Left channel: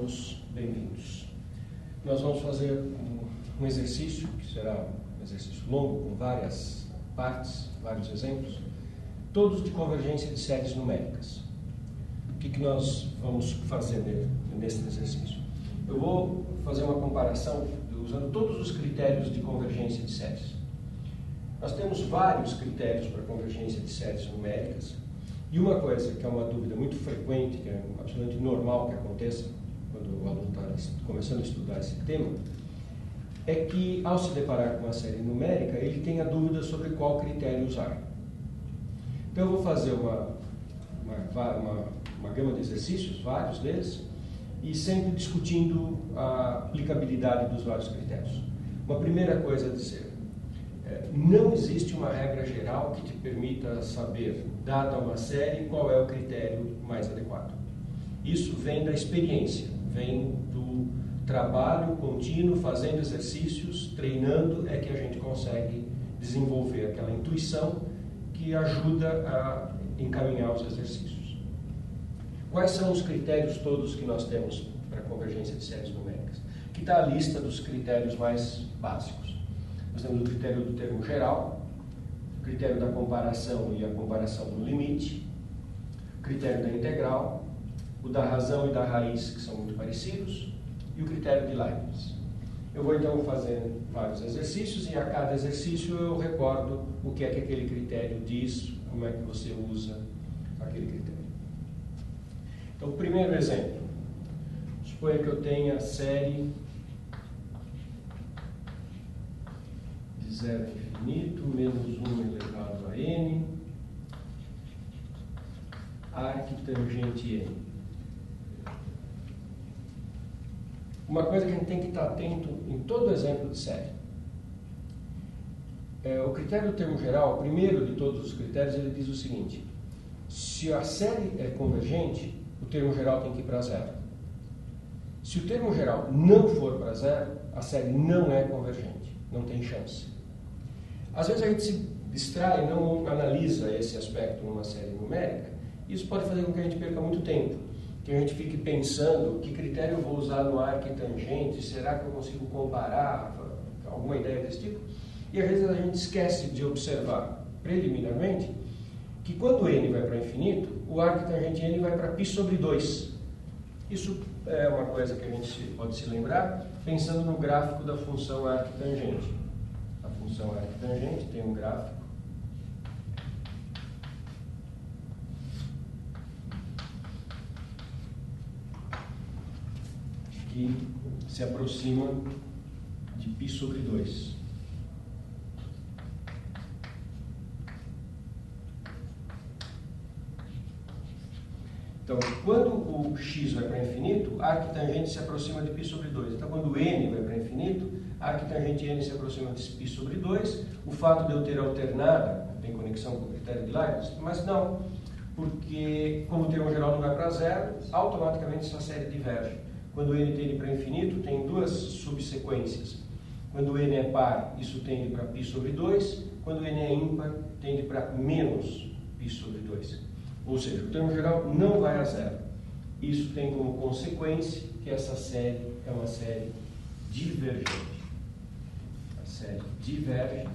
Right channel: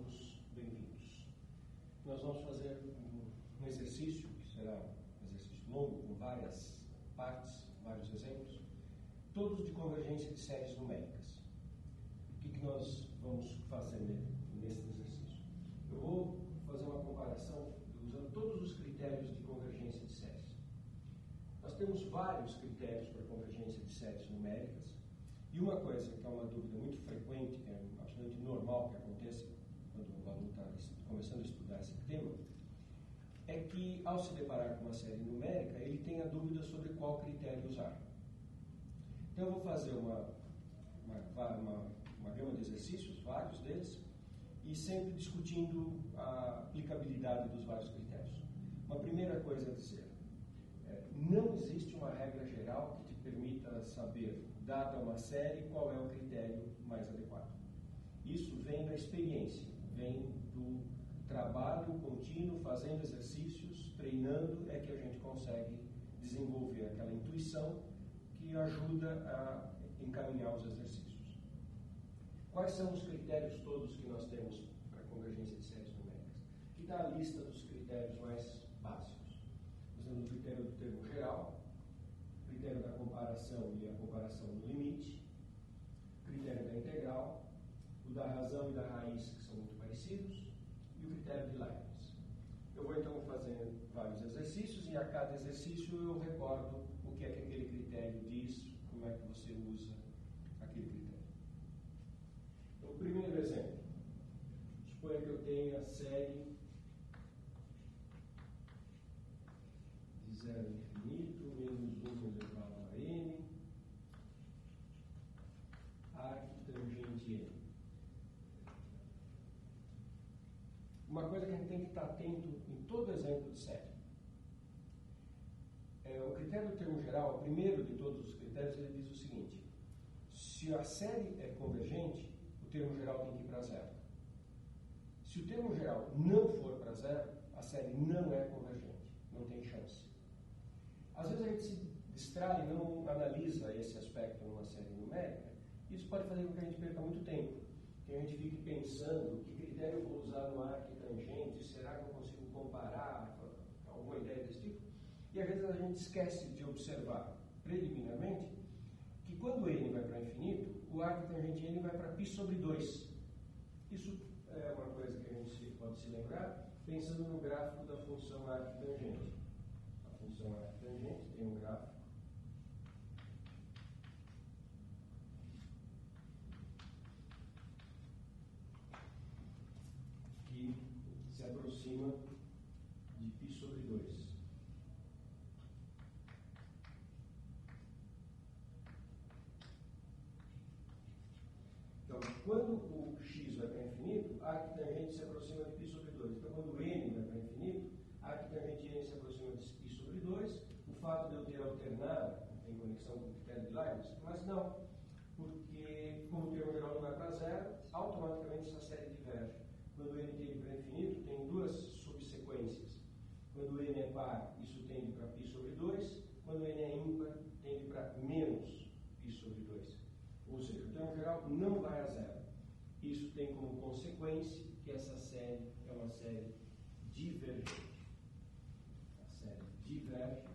todos bem-vindos. Nós vamos fazer um exercício, que será um exercício longo, com várias partes, vários exemplos, todos de convergência de séries numéricas. O que nós vamos fazer nesse exercício? Eu vou fazer uma comparação usando todos os critérios de convergência de séries. Nós temos vários critérios para convergência de séries numéricas, e uma coisa que é uma dúvida muito frequente, que é absolutamente normal que aconteça quando o aluno está começando a estudar esse tema, é que ao se deparar com uma série numérica, ele tem a dúvida sobre qual critério usar. Então eu vou fazer uma gama de exercícios, vários deles, e sempre discutindo a aplicabilidade dos vários critérios. Uma primeira coisa a dizer: não existe uma regra geral que te permita saber, dada uma série, qual é o critério mais adequado. Isso vem da experiência, vem do trabalho contínuo, fazendo exercícios, treinando, é que a gente consegue desenvolver aquela intuição que ajuda a encaminhar os exercícios. Quais são os critérios todos que nós temos para convergência de séries numéricas? Aqui está a lista dos critérios mais básicos. Nós temos o critério do termo geral, o critério da comparação e a comparação do limite, o critério da integral, o da razão e da raiz, que são muito parecidos, e o critério de Leibniz. Eu vou então fazer vários exercícios, e a cada exercício eu recordo o que é que aquele critério diz, como é que você usa aquele critério. Então, o primeiro exemplo. Suponha que eu tenha a série de 0 a infinito, menos 1 elevado a n, arctangente n. Uma coisa que a gente tem que estar atento em todo exemplo de série. O critério do termo geral, o primeiro de todos os critérios, ele diz o seguinte: se a série é convergente, o termo geral tem que ir para zero. Se o termo geral não for para zero, a série não é convergente, não tem chance. Às vezes a gente se distrai, não analisa esse aspecto numa série numérica, e isso pode fazer com que a gente perca muito tempo, que a gente fique pensando que critério eu vou usar no arctangente, será que eu consigo comparar, alguma ideia desse tipo? E às vezes a gente esquece de observar preliminarmente que quando n vai para infinito, o arctangente n vai para π sobre 2. Isso é uma coisa que a gente pode se lembrar pensando no gráfico da função arctangente. A função arctangente tem um gráfico que se aproxima de π sobre 2. Então, quando o x vai para infinito, a arctangente se aproxima de π sobre 2. Então, quando n vai para infinito, a arctangente n se aproxima de π sobre 2. O fato de eu ter alternada tem conexão com o critério de Leibniz, mas não, porque como o termo geral não vai para zero, automaticamente essa série diverge. Quando n tende para infinito, tem duas subsequências. Quando n é par, isso tende para π sobre 2. Quando n é ímpar, tende para menos π sobre 2. Ou seja, o termo geral não vai a zero. Isso tem como consequência que essa série é uma série divergente. A série diverge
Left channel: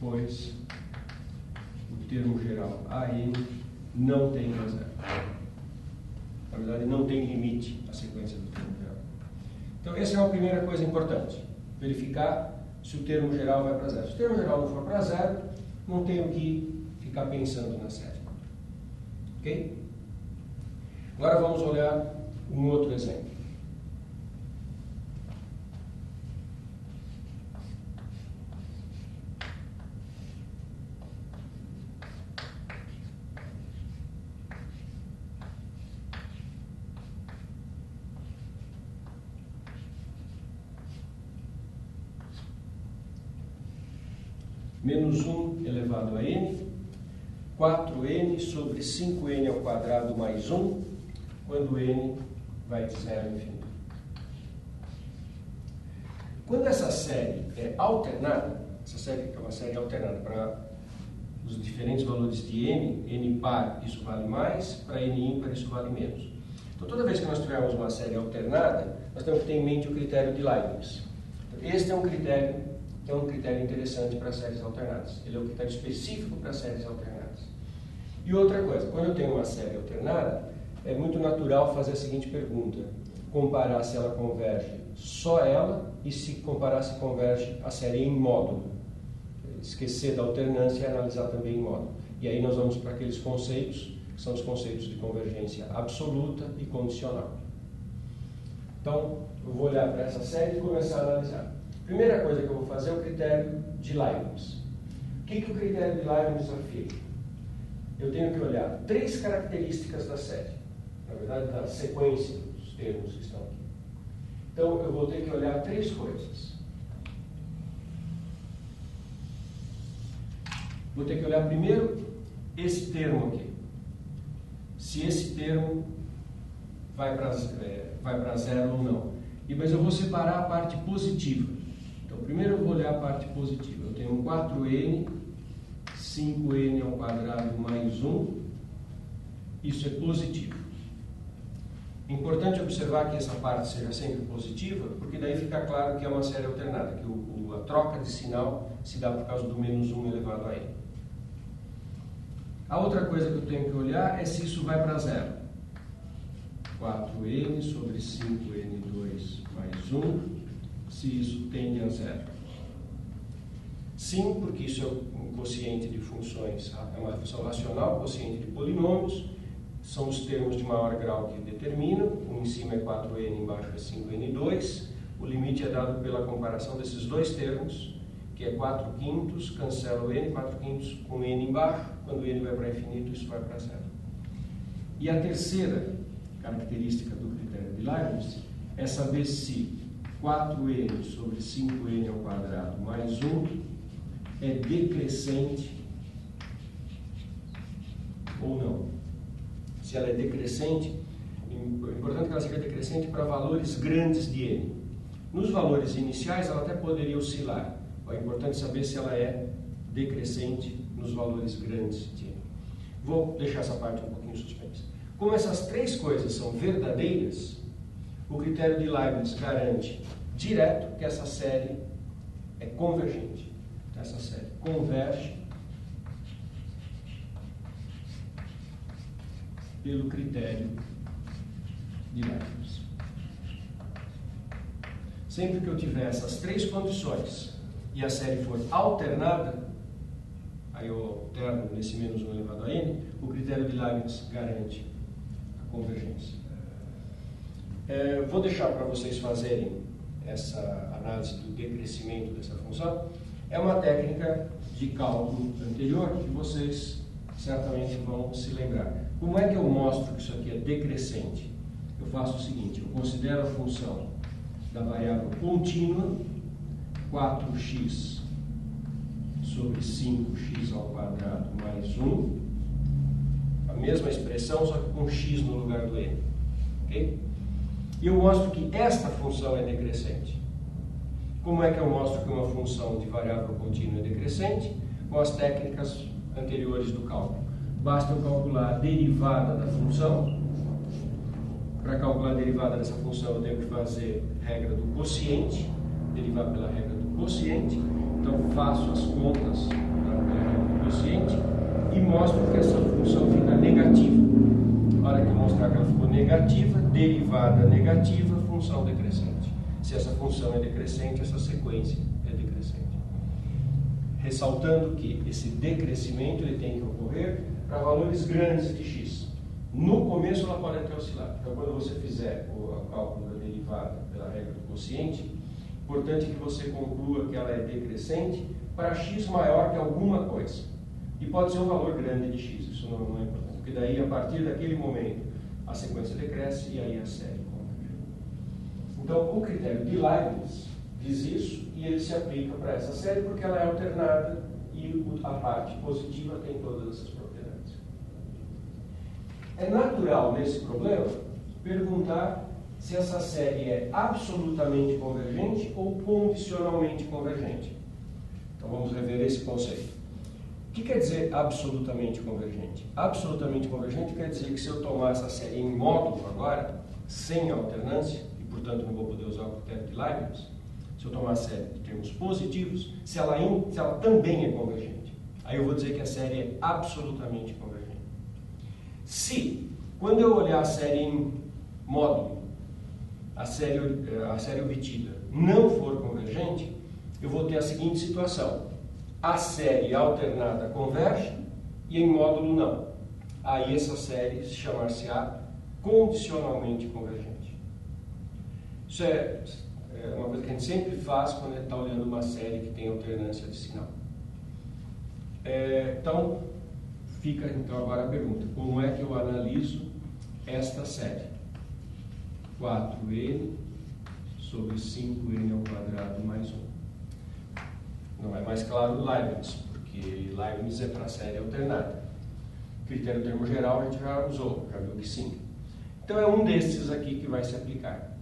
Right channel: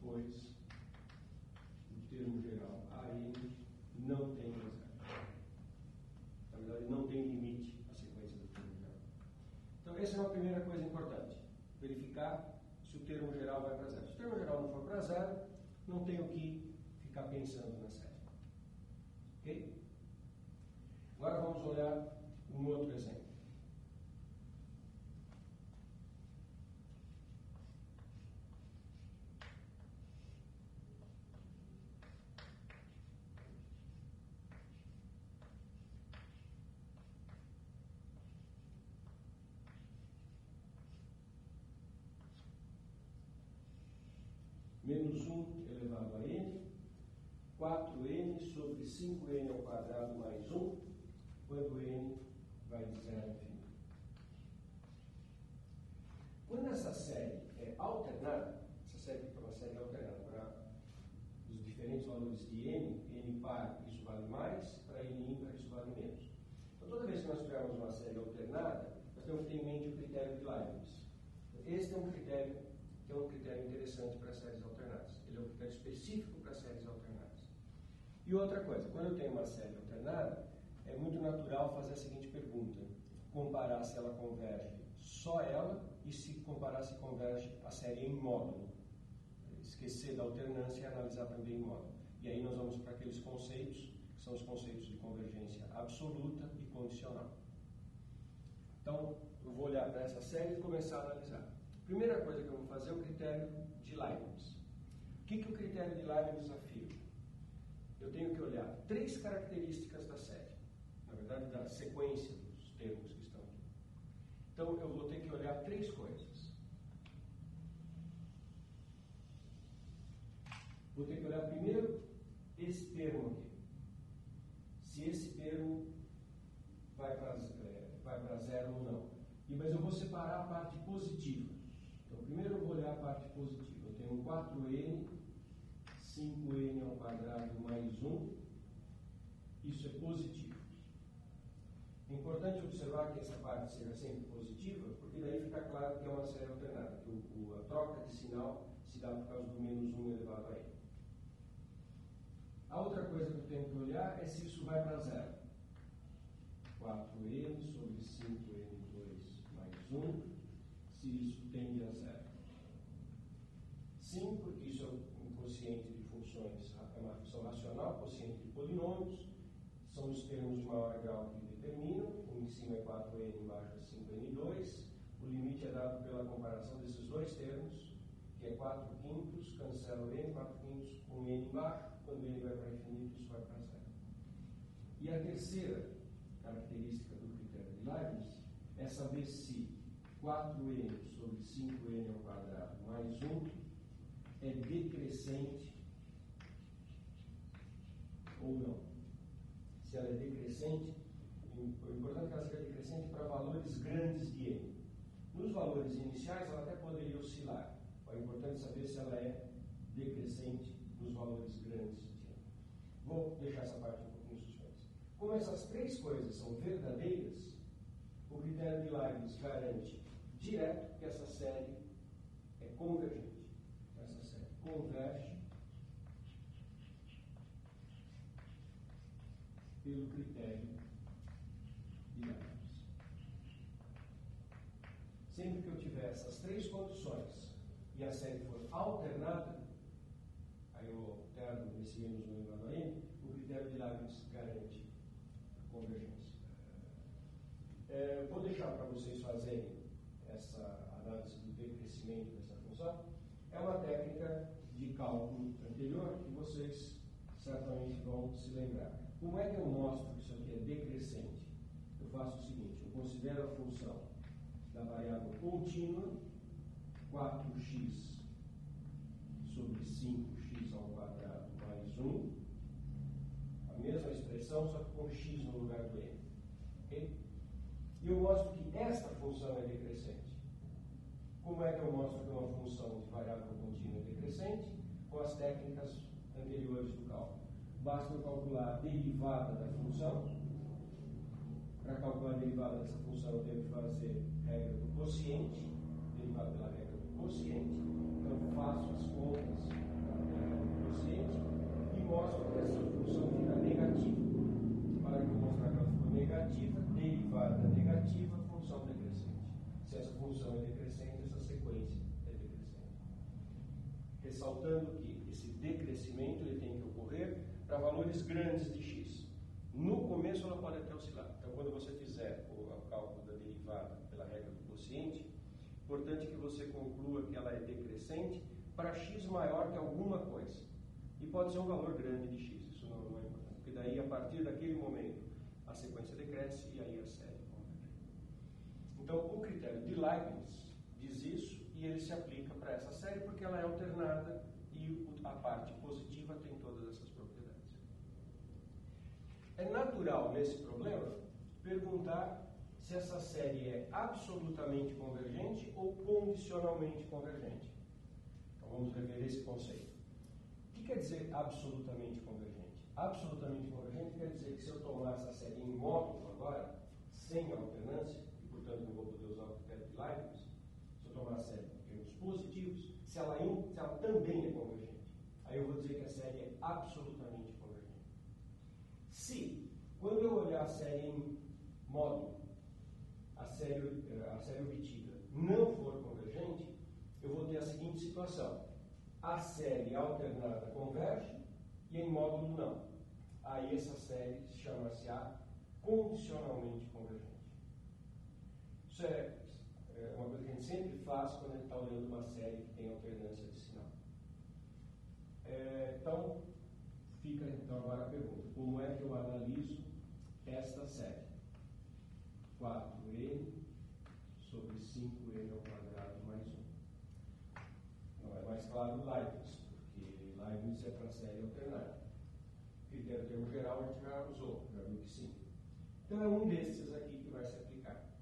pois o termo geral AN não tem a zero. Na verdade, não tem limite a sequência do termo geral. Então, essa é a primeira coisa importante. Verificar se o termo geral vai para zero. Se o termo geral não for para zero, não tenho que ficar pensando na série. Ok? Agora vamos olhar um outro exemplo. Menos 1 elevado a n, 4n sobre 5n ao quadrado mais 1, quando n vai de 0 a infinito. Quando essa série é alternada, essa série é uma série alternada para os diferentes valores de n par isso vale mais, para n ímpar isso vale menos. Então, toda vez que nós tivermos uma série alternada, nós temos que ter em mente o critério de Leibniz. Então, este é um critério interessante para séries alternadas. Ele é um critério específico para séries alternadas. E outra coisa, quando eu tenho uma série alternada, é muito natural fazer a seguinte pergunta: comparar se ela converge só ela e se comparar se converge a série em módulo. Esquecer da alternância e analisar também em módulo. E aí nós vamos para aqueles conceitos, que são os conceitos de convergência absoluta e condicional. Então, eu vou olhar para essa série e começar a analisar. Primeira coisa que eu vou fazer é o critério de Leibniz. O que o critério de Leibniz afirma? Eu tenho que olhar 3 características da série, na verdade, da sequência dos termos que estão aqui. Então, eu vou ter que olhar 3 coisas. Vou ter que olhar primeiro esse termo aqui. Se esse termo vai para zero ou não. Mas eu vou separar a parte positiva. Então, primeiro eu vou olhar a parte positiva. Eu tenho 4n, 5n ao quadrado mais 1. Isso é positivo. É importante observar que essa parte seja sempre positiva, porque daí fica claro que é uma série alternada, que a troca de sinal se dá por causa do menos 1 elevado a n. A outra coisa que eu tenho que olhar é se isso vai para zero. 4n sobre 5n2 mais 1, se isso tende a zero. Sim, porque isso é um quociente de funções, é uma função racional, quociente de polinômios, são os termos de maior grau que determinam, um em cima é 4n, embaixo é 5n2, o limite é dado pela comparação desses dois termos, que é 4/5, cancela o n, 4/5 com n embaixo, quando n vai para infinito, isso vai para zero. E a terceira característica do critério de Leibniz é saber se 4n sobre 5n ao quadrado mais 1 é decrescente ou não. Se ela é decrescente, é importante que ela seja decrescente para valores grandes de n. Nos valores iniciais, ela até poderia oscilar. É importante saber se ela é decrescente nos valores grandes de n. Vou deixar essa parte um pouquinho suspensa. Como essas 3 coisas são verdadeiras, o critério de Leibniz garante direto que essa série é convergente. Essa série converge pelo critério de Leibniz. Sempre que eu tiver essas 3 condições e a série for alternada, aí eu alterno nesse menos 1 elevado a n, o critério de Leibniz garante a convergência. Vou deixar para vocês fazerem essa análise do decrescimento dessa função. É uma técnica de cálculo anterior que vocês certamente vão se lembrar. Como é que eu mostro que isso aqui é decrescente? Eu faço o seguinte: eu considero a função da variável contínua, 4x sobre 5x ao quadrado mais 1, a mesma expressão, só que com x no lugar do n. Ok? E eu mostro que esta função é decrescente. Como é que eu mostro que uma função de variável contínua é decrescente? Com as técnicas anteriores do cálculo. Basta eu calcular a derivada da função. Para calcular a derivada dessa função, eu tenho que fazer regra do quociente, derivar pela regra do quociente. Então, faço as contas pela regra do quociente e mostro que essa função fica negativa. Na hora que eu mostrar que ela ficou negativa, derivada negativa, função decrescente. Se essa função é decrescente, essa sequência é decrescente. Ressaltando que esse decrescimento ele tem que ocorrer para valores grandes de x. No começo ela pode até oscilar. Então, quando você fizer o cálculo da derivada pela regra do quociente, importante que você conclua que ela é decrescente para x maior que alguma coisa. E pode ser um valor grande de x, isso não é importante. Porque daí, a partir daquele momento, a sequência decresce e aí a série converge. Então, o critério de Leibniz diz isso e ele se aplica para essa série porque ela é alternada e a parte positiva tem todas essas propriedades. É natural, nesse problema, perguntar se essa série é absolutamente convergente ou condicionalmente convergente. Então, vamos rever esse conceito. O que quer dizer absolutamente convergente? Absolutamente convergente quer dizer que se eu tomar essa série em módulo agora, sem alternância, e portanto não vou poder usar o critério de Leibniz, se eu tomar a série de termos positivos, se ela também é convergente, aí eu vou dizer que a série é absolutamente convergente. Se, quando eu olhar a série em módulo, a série obtida não for convergente, eu vou ter a seguinte situação: a série alternada converge e em módulo não. Aí essa série chamar-se-á condicionalmente convergente. Isso é uma coisa que a gente sempre faz quando a gente está olhando uma série que tem alternância de sinal. Então, fica então agora a pergunta: como é que eu analiso esta série? 4n sobre 5n ao quadrado mais 1. Não é mais claro o Leibniz, porque Leibniz é para a série alternada. Critério termo geral a gente já usou, já viu que sim. Então é um desses aqui que vai se aplicar.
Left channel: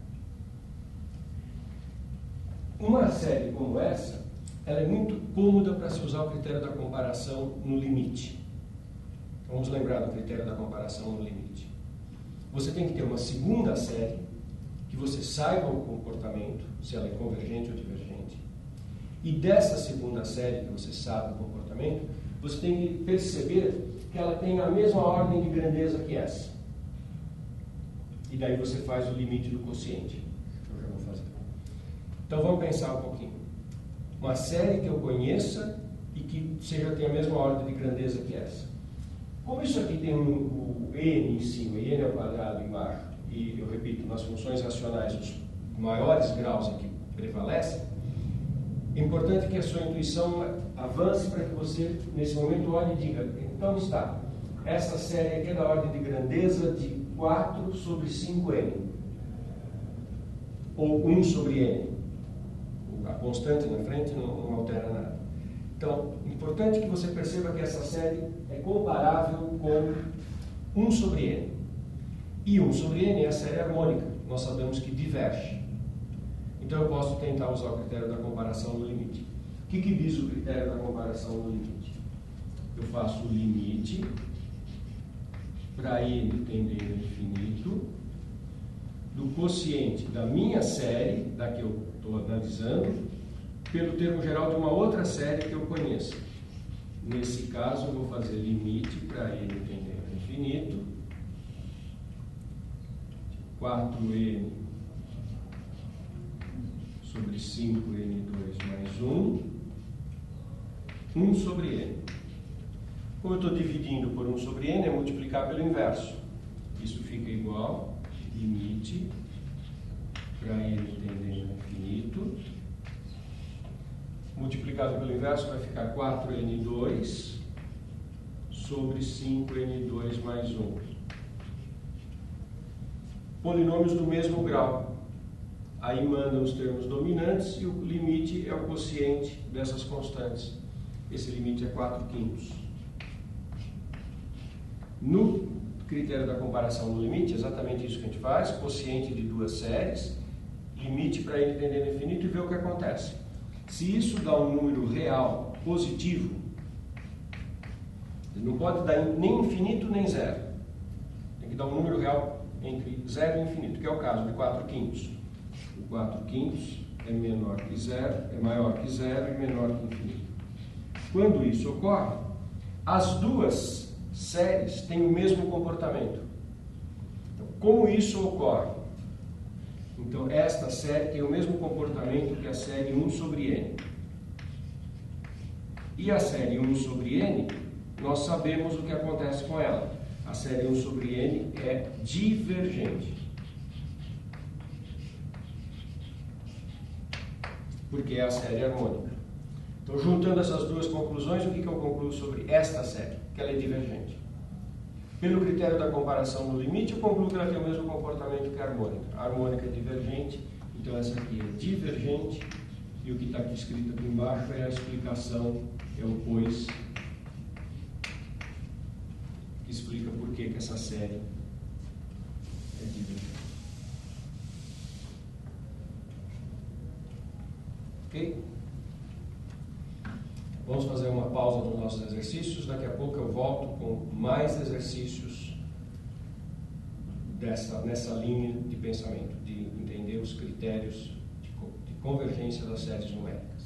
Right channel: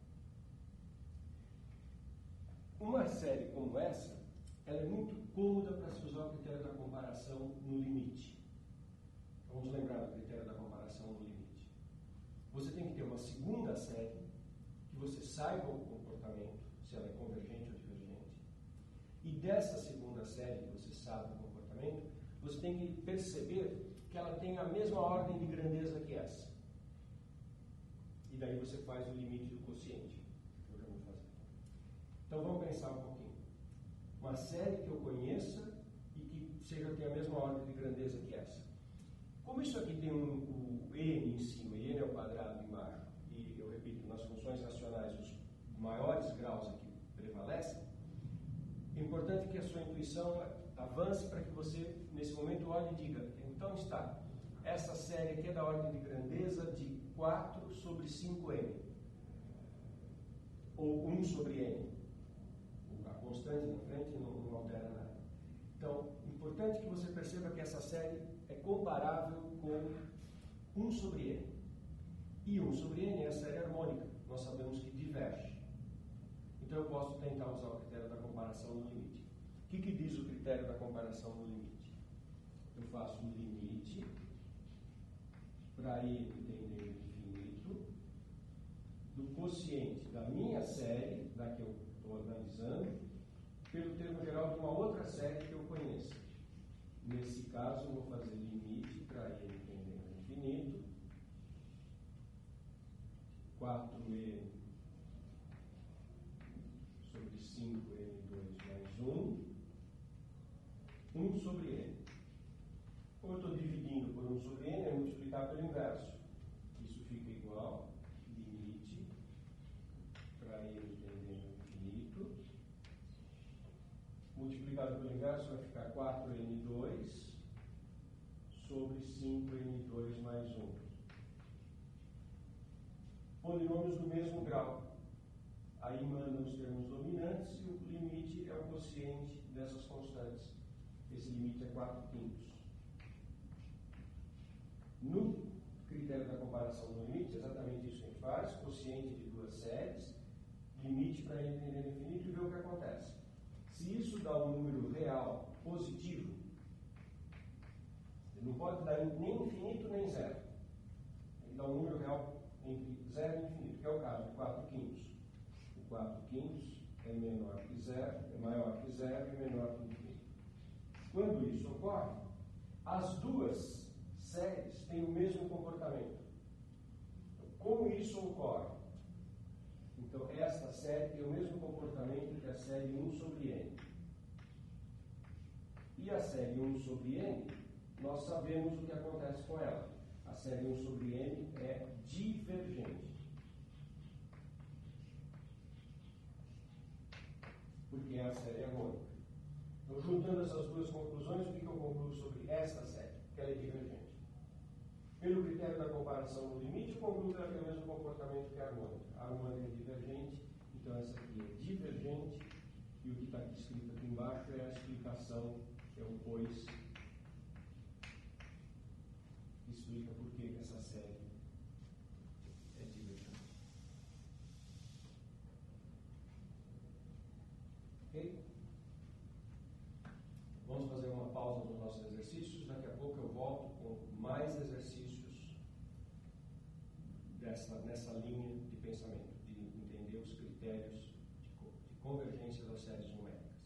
Uma série como essa, ela é muito cômoda para se usar o critério da comparação no limite. Vamos lembrar do critério da comparação no limite. Você tem que ter uma segunda série, que você saiba o comportamento, se ela é convergente ou divergente. E dessa segunda série, que você sabe o comportamento, você tem que perceber que ela tem a mesma ordem de grandeza que essa. E daí você faz o limite do quociente, que eu já vou fazer. Então vamos pensar um pouquinho. Uma série que eu conheça e que tenha a mesma ordem de grandeza que essa. Como isso aqui tem o n em cima e n ao quadrado embaixo, e eu repito, nas funções racionais os maiores graus aqui prevalecem, é importante que a sua intuição avance para que você, nesse momento, olhe e diga: então está, essa série aqui é da ordem de grandeza de 4 sobre 5n, ou 1 sobre n. A constante na frente não altera nada. Então, é importante que você perceba que essa série é comparável com 1 sobre n. E 1 sobre n é a série harmônica, nós sabemos que diverge. Então eu posso tentar usar o critério da comparação no limite. O que diz o critério da comparação no limite? Eu faço o limite para n tendendo a infinito do quociente da minha série, da que eu estou analisando, pelo termo geral de uma outra série que eu conheço. Nesse caso, eu vou fazer limite para n tendendo a infinito, 4n sobre 5n2 mais 1 sobre n. Como eu estou dividindo por 1 sobre n, é multiplicar pelo inverso. Isso fica igual, limite para n tendendo a infinito, multiplicado pelo inverso vai ficar 4n2 sobre 5n2 mais 1. Polinômios do mesmo grau. Aí mandam os termos dominantes e o limite é o quociente dessas constantes. Esse limite é 4/5. No critério da comparação no limite, exatamente isso que a gente faz: quociente de duas séries, limite para n tendendo a infinito e ver o que acontece. Se isso dá um número real positivo, não pode dar nem infinito nem zero. Tem que dar um número real entre 0 e infinito, que é o caso de 4/5. O 4/5 é menor que 0, é maior que 0 e menor que infinito. Quando isso ocorre, as duas séries têm o mesmo comportamento. Então, como isso ocorre? Então, esta série tem o mesmo comportamento que a série 1 sobre n. E a série 1 sobre n, nós sabemos o que acontece com ela. A série 1 sobre n é divergente. Porque é a série harmônica. Então, juntando essas duas conclusões, o que eu concluo sobre esta série? Que ela é divergente. Pelo critério da comparação no limite, eu concluo que ela tem o mesmo comportamento que a harmônica. A harmônica é divergente, então essa aqui é divergente, e o que está aqui escrito aqui embaixo é a explicação, é o pois, que explica por que essa série é divergente. Ok? Vamos fazer uma pausa nos nossos exercícios. Daqui a pouco eu volto com mais exercícios nessa linha de pensamento, de entender os critérios de convergência das séries numéricas.